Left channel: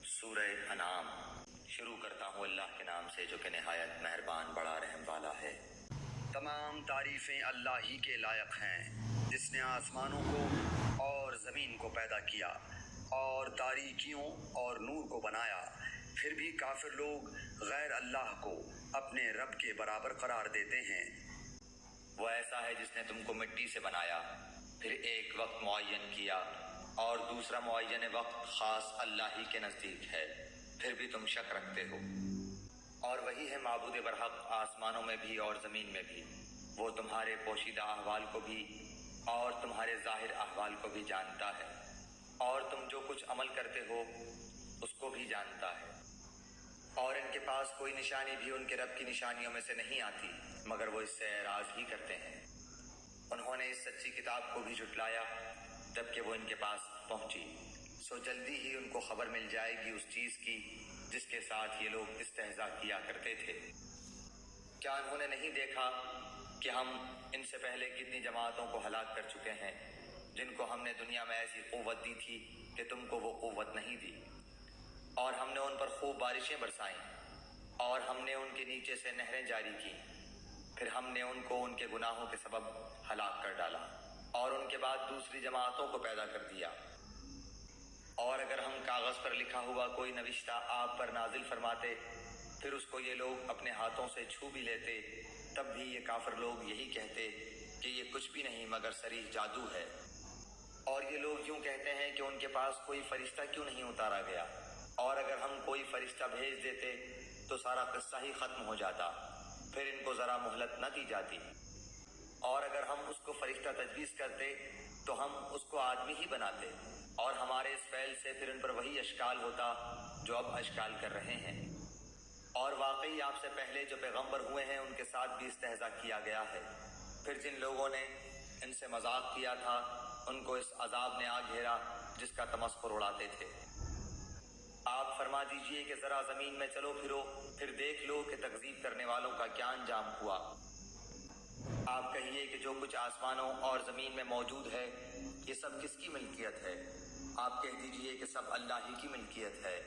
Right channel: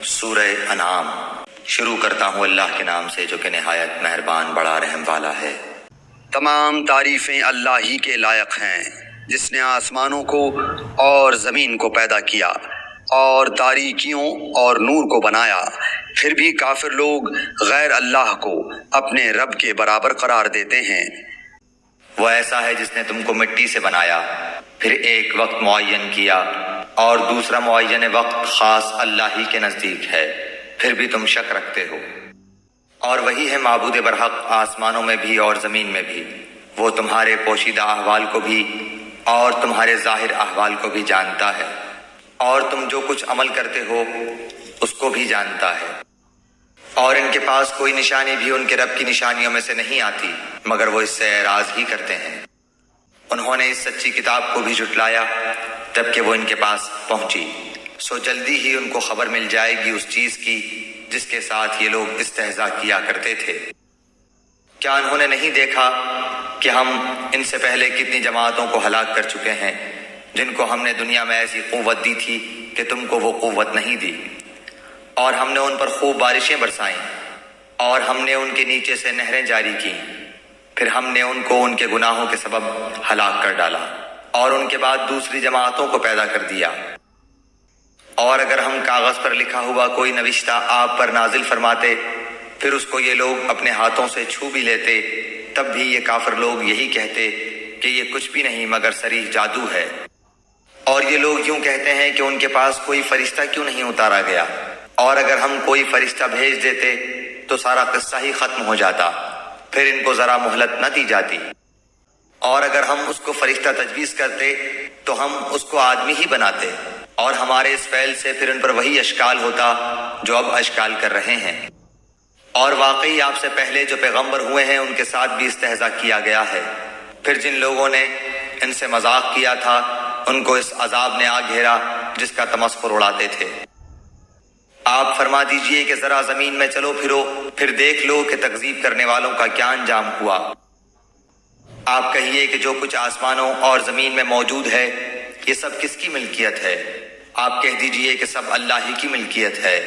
سورہ انعام شروع کرتا ہوں اللہ کے نام سے جو کہ نہایت مہربان بڑا رحم والا ہے۔ تمام تعریفیں اللہ ہی کے لائق ہیں جس نے آسمانوں کو اور زمین کو پیدا کیا اور تاریکیوں اور نور کو بنایا، پھر بھی کافر لوگ غیر اللہ کو اپنے رب کے برابر قرار دیتے ہیں۔ وہ ایسا ہے جس نے تم کو مٹی سے بنایا، پھر ایک وقت معین کیا اور دوسرا معین وقت خاص اللہ ہی کے نزدیک ہے، پھر بھی تم شک رکھتے ہو۔ اور وہی ہے معبود برحق آسمانوں میں بھی اور زمین میں بھی، وہ تمہارے پوشیدہ احوال کو بھی اور تمہارے ظاہر احوال کو بھی جانتا ہے، اور تم جو کچھ عمل کرتے ہو اس کو بھی جانتا ہے۔ اور ان کے پاس کوئی نشانی بھی ان کے رب کی نشانیوں میں سے نہیں آتی مگر وہ اس سے اعراض ہی کرتے ہیں۔ انہوں نے اس سچی کتاب کو بھی جھٹلایا جب کہ وہ ان کے پاس پہنچی، سو جلدی ہی ان کو خبر مل جائے گی اس چیز کی جس کے ساتھ یہ لوگ استہزاء کیا کرتے تھے۔ کیا انہوں نے نہیں دیکھا کہ ہم ان سے پہلے کتنی جماعتوں کو ہلاک کر چکے ہیں جن کو ہم نے دنیا میں ایسی قوت دی تھی کہ تم کو وہ قوت نہیں دی، اور ہم نے ان پر خوب بارشیں برسائیں اور ہم نے ان کے نیچے سے نہریں جاری کی، پھر ہم نے ان کو ان کے گناہوں کے سبب ہلاک کر ڈالا اور ان کے بعد دوسری جماعتوں کو پیدا کر دیا۔ اور اگر ہم کاغذ پر لکھا ہوا کوئی نوشتہ آپ پر نازل فرماتے پھر اس کو یہ لوگ اپنے ہاتھوں سے چھو بھی لیتے، تب بھی یہ کافر لوگ یہی کہتے کہ یہ کچھ بھی نہیں مگر صریح جادو ہے۔ اور یہ لوگ یوں کہتے ہیں کہ ان کے پاس کوئی فرشتہ کیوں نہیں اتارا گیا، اور اگر ہم کوئی فرشتہ بھیج دیتے تو سارا قصہ ہی ختم ہو جاتا، پھر ان کو ذرا مہلت نہ دی جاتی۔ اور اگر ہم اس کو فرشتہ تجویز کرتے تو ہم اس کو آدمی ہی بناتے، اور ہمارے اس فعل سے پھر ان پر وہی اشکال ہوتا جو اب اشکال کر رہے ہیں۔ اور واقعی آپ سے پہلے جو پیغمبر ہوئے ہیں ان کے ساتھ بھی استہزاء کیا گیا ہے، پھر جن لوگوں نے ان سے مذاق کیا تھا ان کو اس عذاب نے آ گھیرا جس کا تمسخر اڑاتے تھے۔ آپ فرما دیجئے کہ ذرا زمین میں چلو پھرو، پھر دیکھ لو کہ تکذیب کرنے والوں کا کیا انجام ہوا۔ آپ کہیے کہ جو کچھ آسمانوں اور زمین میں موجود ہے یہ سب کس کی ملکیت ہے؟ آپ کہہ دیجئے کہ سب اللہ ہی کی ملکیت ہے۔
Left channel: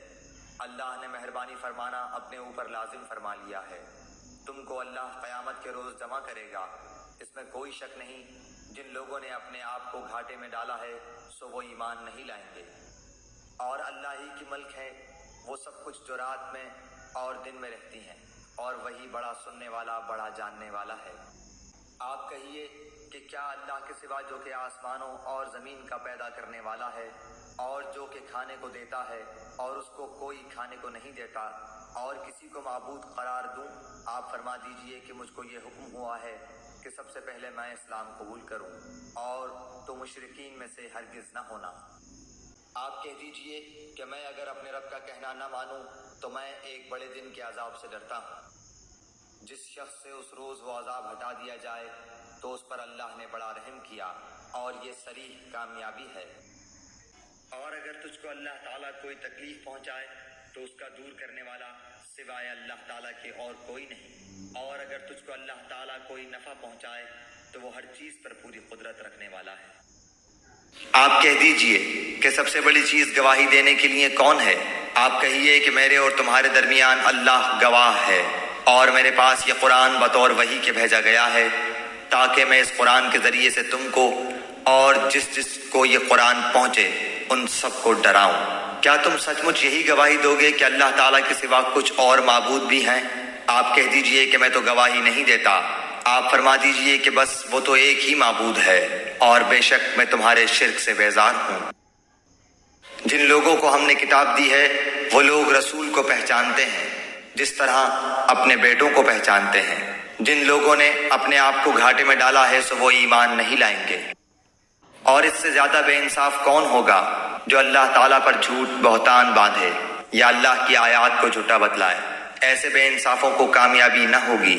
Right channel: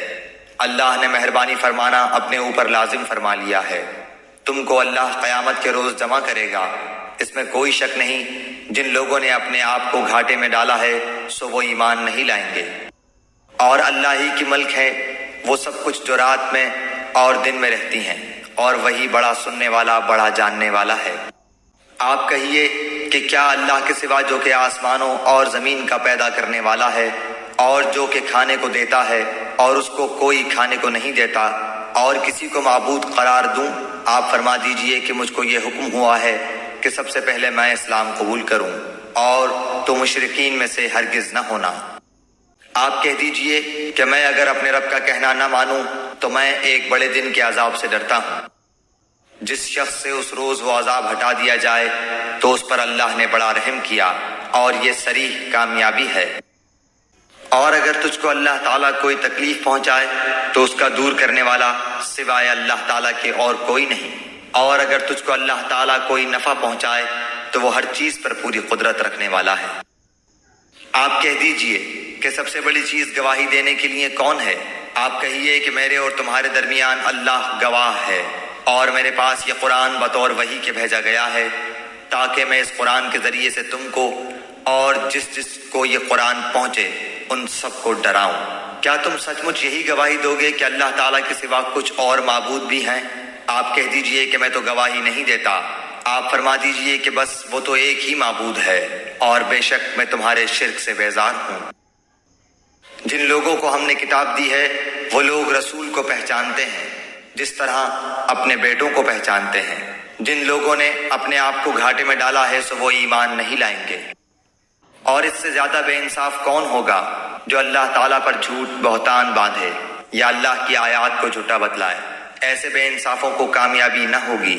اللہ نے مہربانی فرمانا اپنے اوپر لازم فرما لیا ہے۔ تم کو اللہ قیامت کے روز جمع کرے گا، اس میں کوئی شک نہیں۔ جن لوگوں نے اپنے آپ کو گھاٹے میں ڈالا ہے سو وہ ایمان نہیں لائیں گے۔ اور اللہ ہی کی ملک ہے وہ سب کچھ جو رات میں اور دن میں رہتی ہیں، اور وہی بڑا سننے والا بڑا جاننے والا ہے۔ آپ کہیے کہ کیا اللہ کے سوا جو کہ آسمانوں اور زمین کا پیدا کرنے والا ہے اور جو کہ کھانے کو دیتا ہے اور اس کو کوئی کھانے کو نہیں دیتا، اور کسی کو معبود قرار دوں؟ آپ فرما دیجئے کہ مجھ کو یہ حکم ہوا ہے کہ سب سے پہلے میں اسلام قبول کروں اور تو مشرکین میں سے ہرگز نہ ہونا۔ آپ کہہ دیجئے کہ میں اگر اپنے رب کا کہنا نہ مانوں تو میں ایک بڑے دن کے عذاب سے ڈرتا ہوں۔ جس شخص سے اس روز وہ عذاب ہٹا دیا جائے تو اس پر اللہ نے بڑا رحم کیا، اور یہ صریح کامیابی ہے۔ اور اگر تجھ کو اللہ تعالیٰ کوئی تکلیف پہنچائے تو اس کا دور کرنے والا سوائے اللہ تعالیٰ کے اور کوئی نہیں، اور اگر تجھ کو اللہ تعالیٰ کوئی نفع پہنچائے تو وہ ہر چیز پر پوری قدرت رکھنے والا ہے۔ آپ کہہ دیجئے کہ سب سے بڑی چیز گواہی دینے کے لیے کون ہے؟ آپ کہیے کہ میرے اور تمہارے درمیان اللہ گواہ ہے، اور میرے پاس یہ قرآن بطور وحی کے بھیجا گیا ہے تاکہ میں اس قرآن کے ذریعے سے تم کو اور جس کو یہ قرآن پہنچے ان سب کو ڈراؤں۔ کیا تم سچ مچ یہی گواہی دو گے کہ اللہ تعالیٰ کے سوا کچھ اور معبود بھی ہیں؟ آپ کہہ دیجئے کہ میں تو گواہی نہیں دیتا۔ آپ فرما دیجئے کہ بس وہ تو ایک ہی معبود ہے، اور بے شک میں تمہارے شرک سے بیزار ہوں۔ جن لوگوں کو ہم نے کتاب دی ہے وہ لوگ رسول کو پہچانتے ہیں جس طرح اپنے بیٹوں کو پہچانتے ہیں۔ جن لوگوں نے اپنے آپ کو گھاٹے میں ڈالا ہے سو وہ ایمان نہیں لائیں گے۔ اور اس سے زیادہ بے انصاف کون ہوگا جو اللہ تعالیٰ پر جھوٹ بہتان باندھے یا اللہ کی آیات کو جھوٹا بتلائے؟ ایسے بے انصافوں کو کامیابی نہ ہوگی۔